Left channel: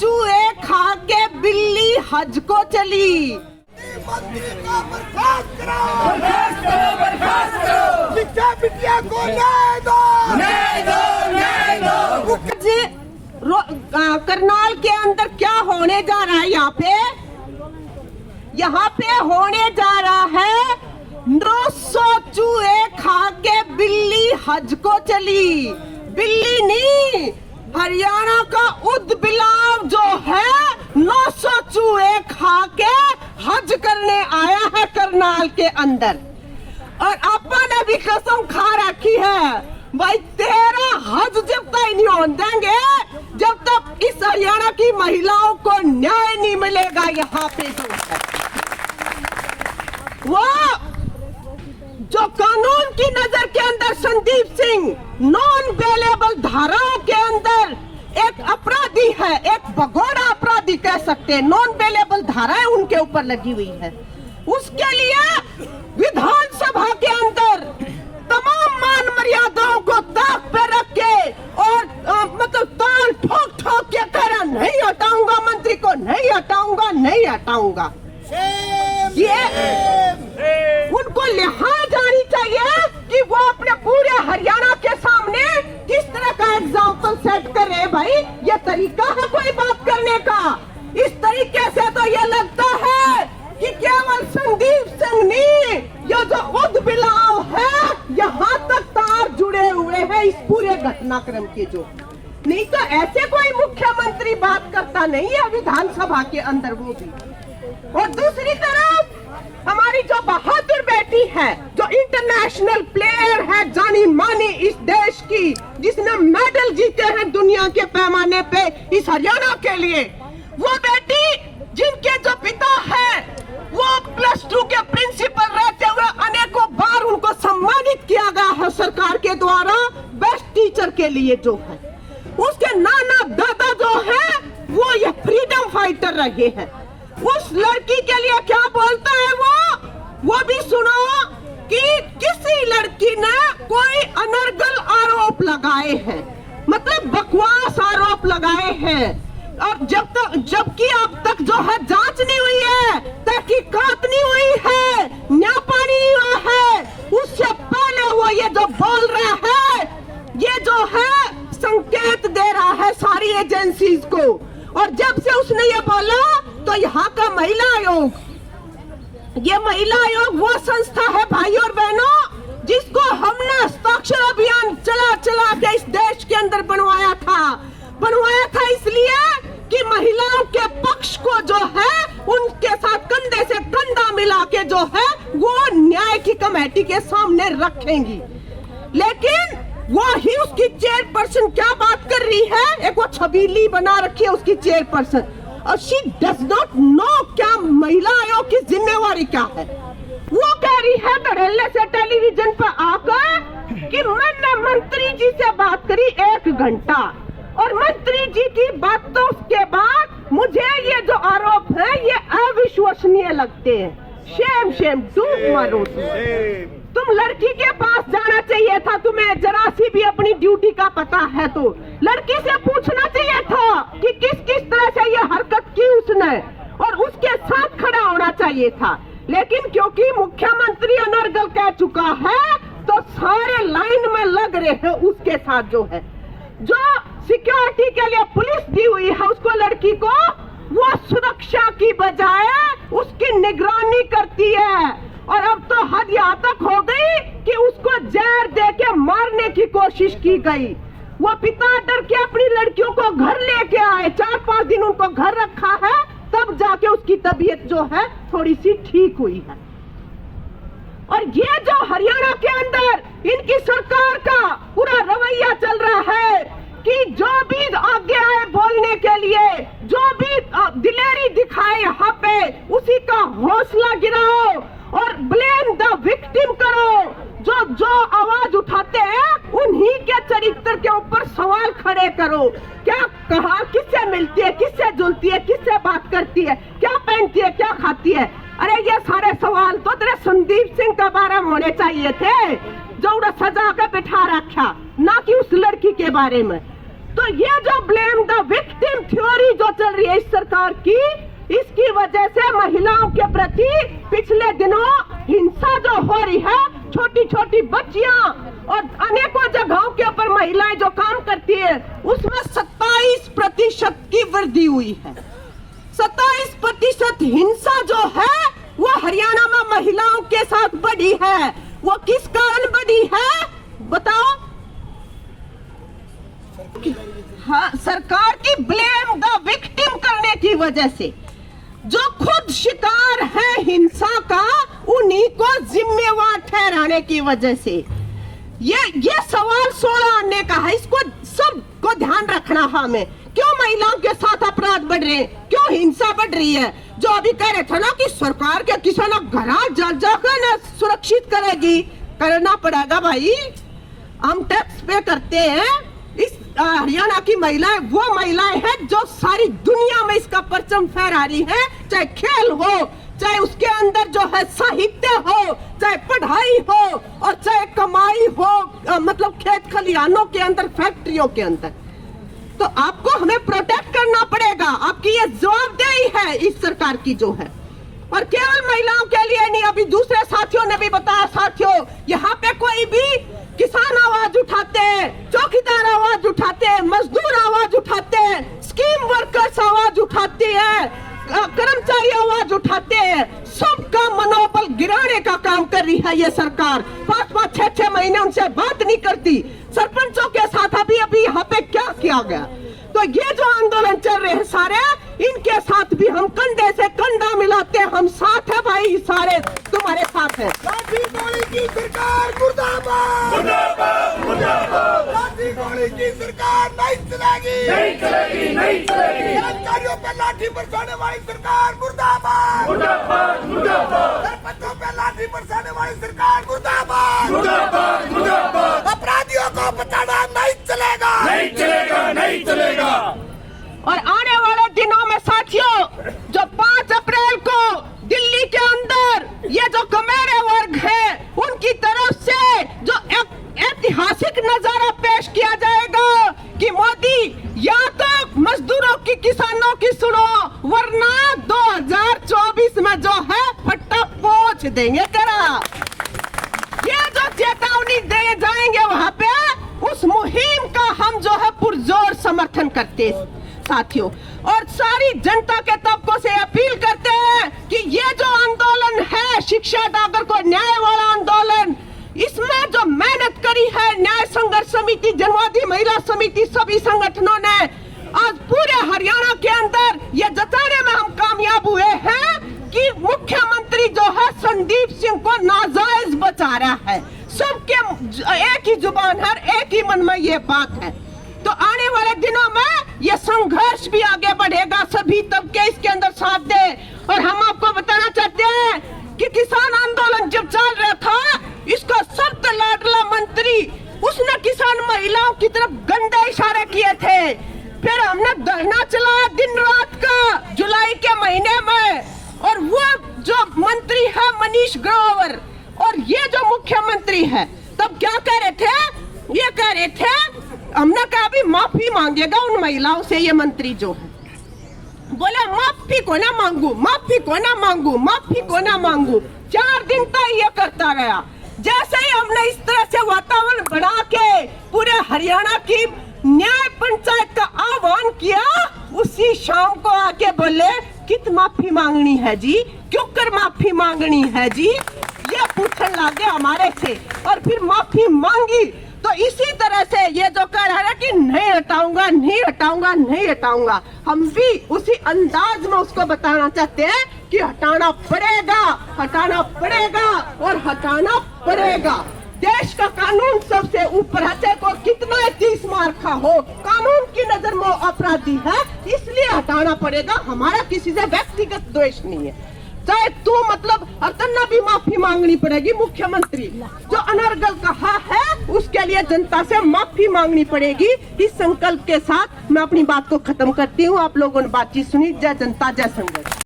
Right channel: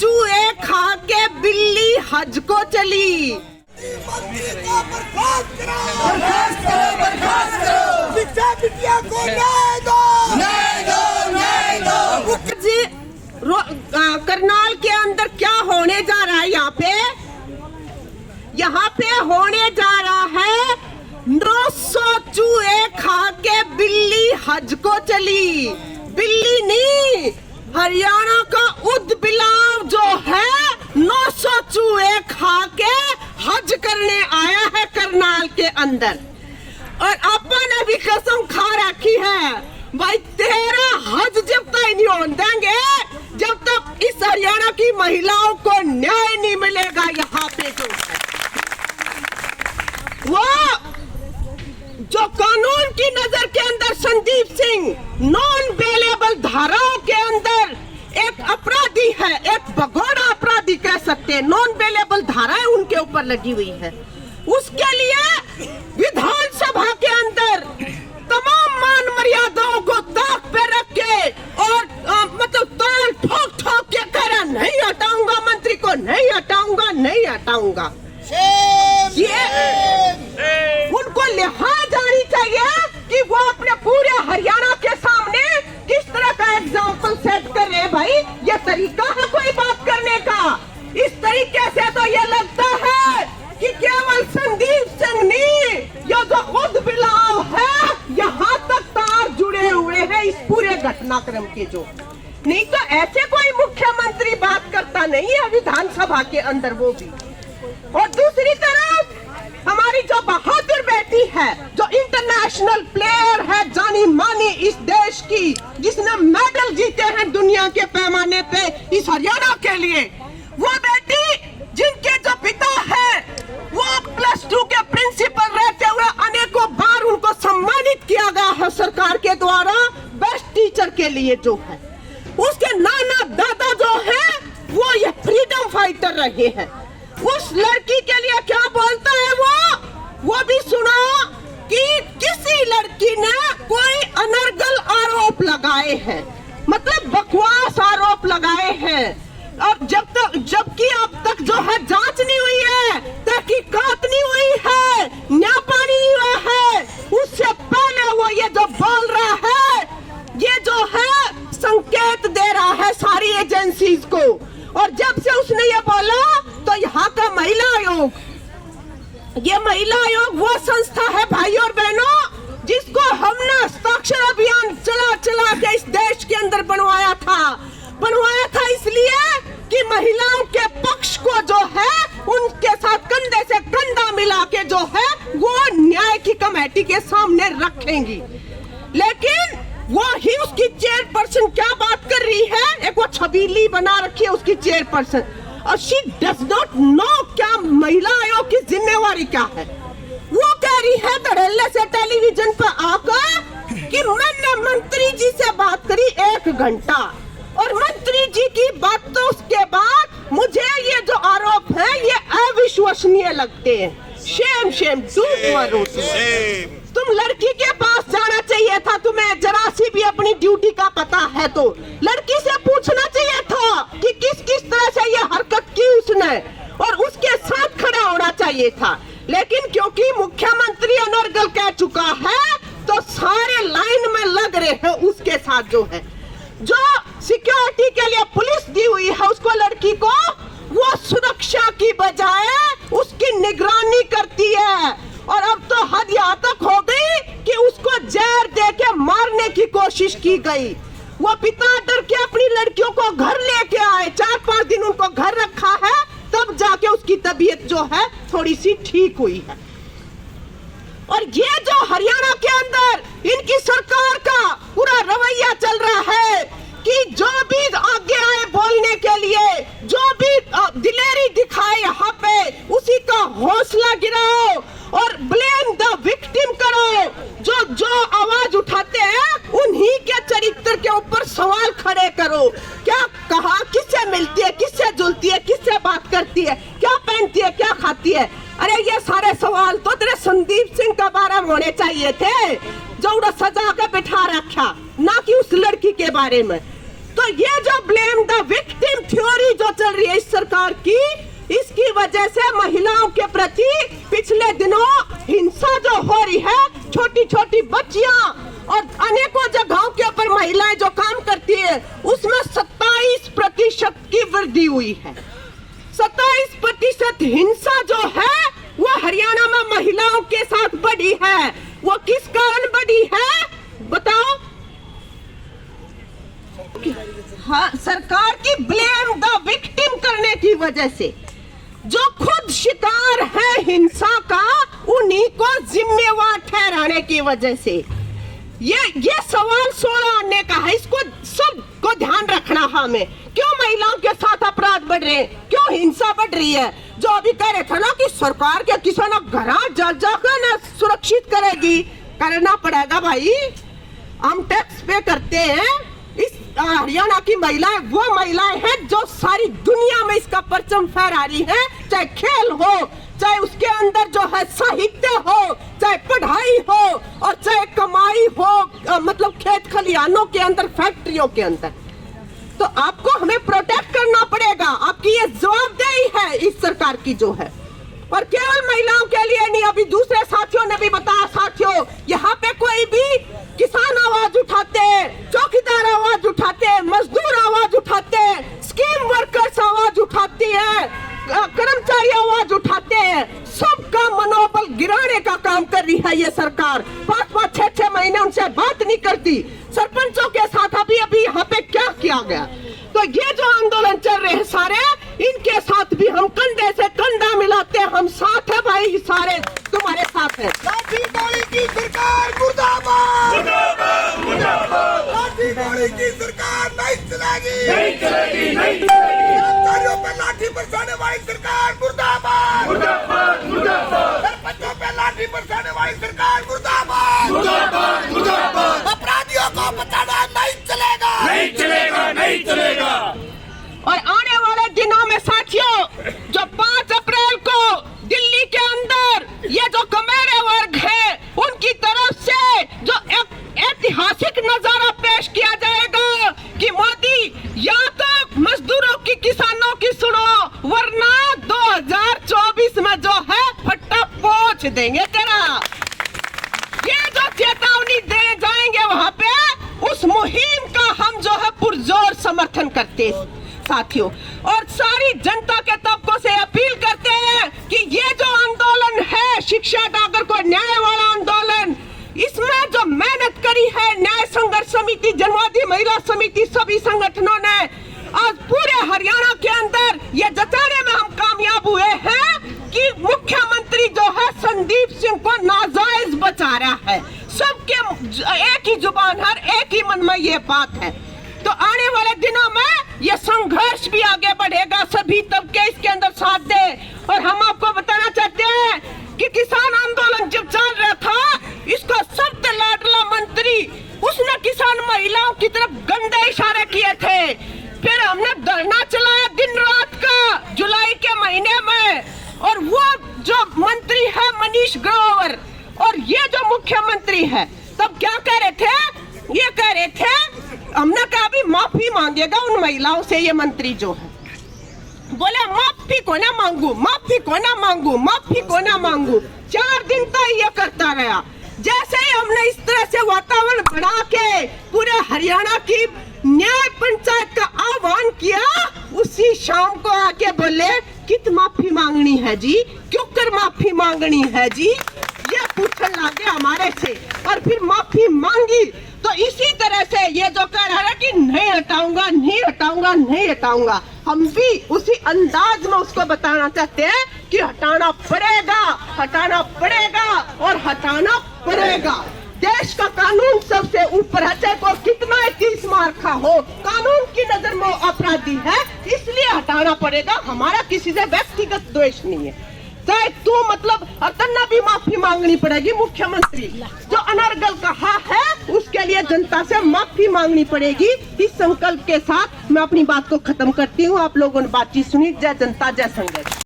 चूहे खा के बिल्ली हज को चली। मंत्री को बर्खास्त करो, बर्खास्त करो, बर्खास्त करो। बिटिया बिटिया को न्याय दो, न्याय दो, न्याय दो। करनाल के अंदर क्या होने जा रहा है? यहाँ पे होने जा रहा है 900 चूहे खा के बिल्ली हज को चली। बिल्ली नहीं, हरियाणा का उदबिलाव जो है 900 चूहे खा के हज करने आया है करनाल के अंदर। और अपन अभी कसम खा रखी है भाई, तेरा हज जब तक नहीं होने देंगे जब तक इस हरियाणा की महिलाओं को न्याय नहीं मिलेगा। यहाँ पे जो है वो जो कानून की नजर के अंदर संदीप सिंह नॉन बेलेबल धाराओं के अंदर एक अपराधी है, एक भगोड़ा अपराधी कह सकते हैं। नॉन बेलेबल धाराएं उनके ऊपर लगी हुई है। उसके लिए विधानसभा के अंदर तमाम मान मर्यादाओं को ताक पे रख के और मतलब ताल ठोक ठोक के कह रहा नहीं हटाऊंगा, मंत्री को नहीं हटाऊंगा, नहीं हटाऊंगा। ये उनको लिहाज आनी चाहिए कि वो अपने पूरे हरियाणा के सामने किस तरह का एग्जाम्पल सेट कर रहे हैं। भाई ये तरीका है कोई बात करने का? इस तरीके से तो ये लगता है कि केवल संदीप सिंह नहीं, ये जो उदबिलाव है यहाँ तक तार जुड़े हुए हैं इस पूरे घटनाक्रम के। जो नहीं तो ऐसे कोई मुख्यमंत्री बात करता नहीं है विधानसभा के अंदर, वो भी। और दूसरी तरफ हमारी जो बहादुर बेटी है, जो इंटरनेशनल प्लेयर है, जानी मानी इस देश की, जिसने मेडल जीते हैं दुनिया के पैमाने पे इस हरियाणा के लिए, वो बेटी जिनके जो पिता है वो +2 के प्रिंसिपल रहते हुए अनेकों बार उनको सम्मानित किया गया है सरकार के द्वारा बेस्ट टीचर के लिए जो है, उसके नाना दादा जो है वो ये फ्रीडम फाइटर रहे हैं। उस लड़की के लिए क्या बोलता है वो भी सुनो कि किसी लड़की ने कोई अनर्गल आरोप लगाए हैं, मतलब बकवास आरोप लगाए हैं। और जबकि अब तक जो है जांच नहीं हुई है, तहकीकात नहीं हुई है, न्यापा नहीं हुआ है, उससे पहले वो ये जो बोल रहा है, ये जो है संकेत दे रहा है सारी एजेंसीज को। और जब से उसने ये बोला तो यहाँ का महिला आयोग, ये महिला आयोग वो संस्था है भाई और बहनों जिसको हमने हस्ताक्षर अभियान चला के इस देश के अंदर बनवाया था इसलिए कि महिलाओं के पक्ष को जो है उनके साथ कंधे से कंधा मिला के जो है वो न्याय की कमेटी के सामने रखेंगी। लेकिन वो ही उसकी चेयरपर्सन क्या बात कर रही है, एक वो छबीली बना रखी है उसकी चेयरपर्सन, और शी डज नॉट नो क्या महिला आयोग की जिम्मेवारी क्या है। वो कह रही है धड़ल्ले से टेलीविजन पर आकर कि मैंने मंत्री जी से बात करी 1 घंटा, और मंत्री जी की बातों के बाद मुझे ये जो आरोप है ये अविश्वसनीय लगते हैं। शेम शेम, तुम लड़की के पास जाना चाहिए था, तुम्हें जरा सी भी अपनी ड्यूटी का पता है तो लड़की से पूछना चाहिए था कि किस तरह से ये हरकत की उसने, और उसके साथ खड़ा होना चाहिए था। लेकिन क्योंकि मुख्यमंत्री अनर्गल कह चुका है तो सारे लाइन में लग रहे हैं उसके साथ। जो है जो सिक्योरिटी के लिए पुलिस दी हुई है उसको, लड़की को, वो सुरक्षा की बजाय उसकी निगरानी करती है। और अब तो हद यहाँ तक हो गई कि उसको जहर दे के मारने की कोशिश की गई। वो पिता डर के अपनी लड़कियों को घर लेके आए, 4-5 दिन उनको घर रखा है, तब जाके उसकी तबीयत जो है थोड़ी सी ठीक हुई है। और ये जो हरियाणा के अंदर इनकी सरकार का पूरा रवैया चल रहा है कि जो भी आगे आए बोलने के लिए, जो भी दिलेरी दिखाए यहाँ पे, उसी का हौसला गिराओ और ब्लेम द विक्टिम करो। जो आवाज उठाते हैं उन्हीं के चरित्र के ऊपर सवाल खड़े करो। क्या कहा, किससे मिलती है, किससे जुलती है, किससे बात करती है, क्या पहनती है, क्या खाती है। अरे ये सारे सवाल तो तेरे संदीप सिंह के बारे में होने चाहिए थे, जो उन्हें सजा कर बिठा रखा, ना कि उस लड़की के बारे में। तो ये जो ब्लेम द विक्टिम थ्योरी नीति जो चल रही है इस सरकार की, इसकी वजह से महिलाओं के प्रति पिछले दिनों हिंसा जो हो रही है, छोटी छोटी बच्चियां और अनेकों जगहों के ऊपर महिलाएं जो काम करती है, उसमें 27% की वृद्धि हुई है। 27% हिंसा जो है वो हरियाणा में महिलाओं के साथ बढ़ी है। वो किस कारण बढ़ी है बताओ? हाँ, सरकार की ब्लेम द विक्टिम करने की वजह से। जो खुद शिकार है हिंसा का, उन्हीं को जिम्मेवार ठहराने की वजह से। ये सवाल 16 आने का है, इसको सबको ध्यान रखना है हमें। क्यों महिलाओं के साथ अपराध बढ़ रहे हैं, क्यों हिंसा बढ़ रही है? जो अभी कह रहे थे ना कि सरकार के किसी ना घर जाकर ना सुरक्षित करेगी, करना पड़ेगा भाई। हम टैक्स पे करते हैं। इस हरियाणा की महिलाएं वो महिलाएं हैं जो सारी दुनिया में इसका परचम फहरा रही है, चाहे खेल हो, चाहे उसके अंदर जो है साहित्य हो, चाहे पढ़ाई हो, और चाहे कमाई हो, मतलब खेत खलिहानों के अंदर, फैक्ट्रियों के अंदर। तो आपको हमें प्रोटेक्ट करना पड़ेगा। आपकी ये जवाबदेही है इस सरकार की जो है। और केवल महिलाओं के लिए नहीं, अभी दूसरे साथियों ने भी बताया। साथियों, यहाँ पे कोई भी किसान आवाज उठाते, चौकीदार आवाज उठाते, मजदूर आवाज उठाते, स्कीम वर्कर्स आवाज उठाती है, कर्मचारी आवाज उठाते हैं, सबका मनोबल गिराने का काम कर रही है ये सरकार। 5-5, 6-6 महीने उनसे बात नहीं करती। सरपंचों के साथ अभी यहाँ पे क्या किया गया? तो ये जो आंदोलन चल रहे हैं सारे, इनके साथ भी हम कंधे से कंधा मिलाते हैं। हम साथ है भाई, सारे तुम्हारे साथ है। लाठी डोली की सरकार मुर्दाबाद, मुर्दाबाद, मुर्दाबाद। लाठी डोली की सरकार नहीं चलेगी, नहीं चलेगी, नहीं चलेगी। कर्मचारियों पर लाठी बरसाने वाली सरकार मुर्दाबाद, मुर्दाबाद, मुर्दाबाद। सरपंचों पर लाठी बरसाने वाली सरकार मुर्दाबाद, मुर्दाबाद, मुर्दाबाद। अपराधियों को बचाना नहीं चलेगा, नहीं चलेगा, नहीं चलेगा। और आने वाले दिनों में साथियों, जो 5 अप्रैल को दिल्ली के अंदर ये जो कमेरे वर्ग है, उनकी तरफ से जो ऐतिहासिक नजारा पेश किया जाएगा कि मोदी या तो मजदूरों की, किसानों की सुनो, वरना 2024 में जो है फट्टा पोंछ देंगे तेरा। ये जो चेतावनी दे जाएंगे वहाँ पे, उस मुहिम का हम जो है पुरजोर समर्थन करते हैं साथियों। और सारी जनता के तबकों से अपील करते हैं कि ये जो आंदोलन है, शिक्षा का अगर कोई न्याय वाला आंदोलन, इसमें जो मेहनत करी है न्याय संघर्ष समिति, जनवादी महिला समिति, सभी संगठनों ने, आज पूरे हरियाणा के अंदर ये जताने में हम कामयाब हुए हैं कि मुख्यमंत्री जो है संदीप सिंह को नाजायज बचा रहा है। सबके एक ही जुबान है, एक ही मन में ये बात है। तो आने वाले दिनों में ये संघर्ष भी आगे बढ़ेगा, सभी तबके इसके अंदर साथ दे। और हम आपको बताना चाहते हैं कि किसान आंदोलन जब चल रहा था, इसका सबसे लाडला मंत्री, उसने किसान महिलाओं की तरफ गंदे इशारे किए थे। फिर हमने धरना चलाया दिन रात का जुलाई के महीने में, और वो जो मंत्री है मनीष ग्रोवर, और ये जो मुख्यमंत्री है, तब क्या कह रहे थे? ये कह रहे थे, हमने कहा अभी माफी मांगेगा उन महिलाओं से ये मंत्री जो है। बोला माफी को ना मांगू, माफी को ना मांगू, माफी को ना मांगू। 4 दिन तक ये करता गया। जैसे ही हमने इस तरह से वातावरण बना के पूरे हरियाणा की न्याय पंचायत का आह्वान किया, उसी शाम को आके बोले कित माफी मांगनी है जी, क्यों कर माफी मांगनी है जी, ये पूछने लगे हमारे से। और फिर माफी मांगी। तो इसी तरह से ये जो कह रहा है कि नहीं हटाऊंगा, नहीं हटाऊंगा, नहीं हटाऊंगा, हम भी उसी अंदाज में उसको बताना चाहते हैं कि हटाना पड़ेगा, हटाना पड़ेगा और हटाना पड़ेगा। देश का कानून सबसे ऊपर है, चाहे कोई कितना 30 मार खा हो, कानून की नजर में अपराधी है, इसलिए हटाना पड़ेगा। हमारा किसी से व्यक्तिगत द्वेष नहीं है। चाहे तू मतलब अतन्ना भी माफी मांगनी पड़ेगी। मुख्यमंत्री जो अनर्गल कहा है, उसके लिए जनता से माफी मांगनी पड़ेगी। इस संकल्प के साथ मैं अपनी बात को खत्म करती हूँ। आप लोगों ने बातचीत सुनी। जय जनता, जय संघर्ष।